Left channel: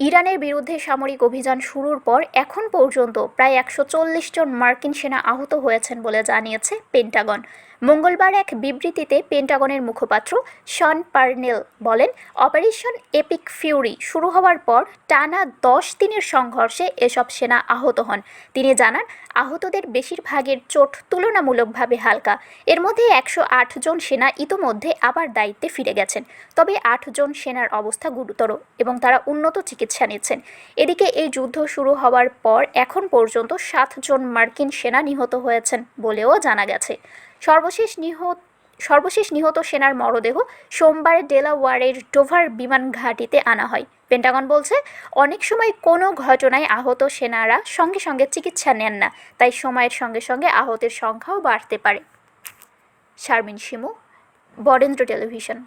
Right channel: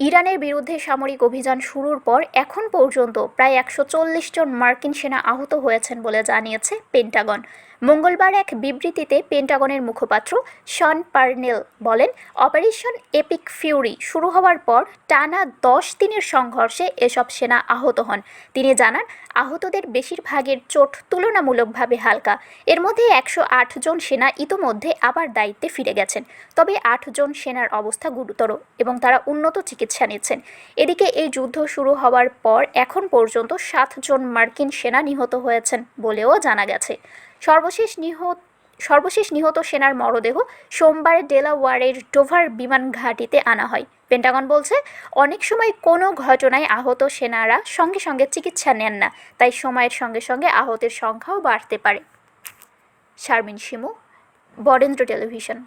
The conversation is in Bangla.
ইরানের বিরুদ্ধে সামরিক অভিযান শুরুর পর এখন পর্যন্ত প্রায় ১৪০ জন মার্কিন সেনা আহত হয়েছেন বলে জানিয়েছে পেন্টাগন। মঙ্গলবার এক বিবৃতিতে পেন্টাগনের মুখপাত্র শন পার্নেল বলেন, অপারেশন এপিক ফিউরি শুরু হওয়ার পর টানা ১০ দিনের সংঘর্ষে এসব সেনা আহত হন। তিনি জানান, আহতদের বেশিরভাগের চোট তুলনামূলকভাবে হালকা। এর মধ্যে ১০৮ জন সেনা ইতোমধ্যে আবার দায়িত্বে ফিরে গেছেন, তবে ৮ জন সেনার অবস্থা গুরুতর এবং তারা উন্নত চিকিৎসা নিচ্ছেন। এদিকে এই যুদ্ধ শুরু হওয়ার পর এখন পর্যন্ত ৭ জন মার্কিন সেনা নিহত হয়েছেন বলেও জানা গেছে। সর্বশেষ নিহত সেনার মরদেহ সোমবার ডেলাওয়ারের ডোভার বিমান ঘাঁটিতে আনা হয়। পেন্টাগন বলছে, অনেক সময় কোনো ঘটনায় আহত সেনারা সঙ্গে সঙ্গে চিকিৎসা নেন না, তাই সময়ের সঙ্গে সঙ্গে আহতের সংখ্যাও বাড়তে পারে। শারমিন শিমু, বরেন্দ্র টেলিভিশন।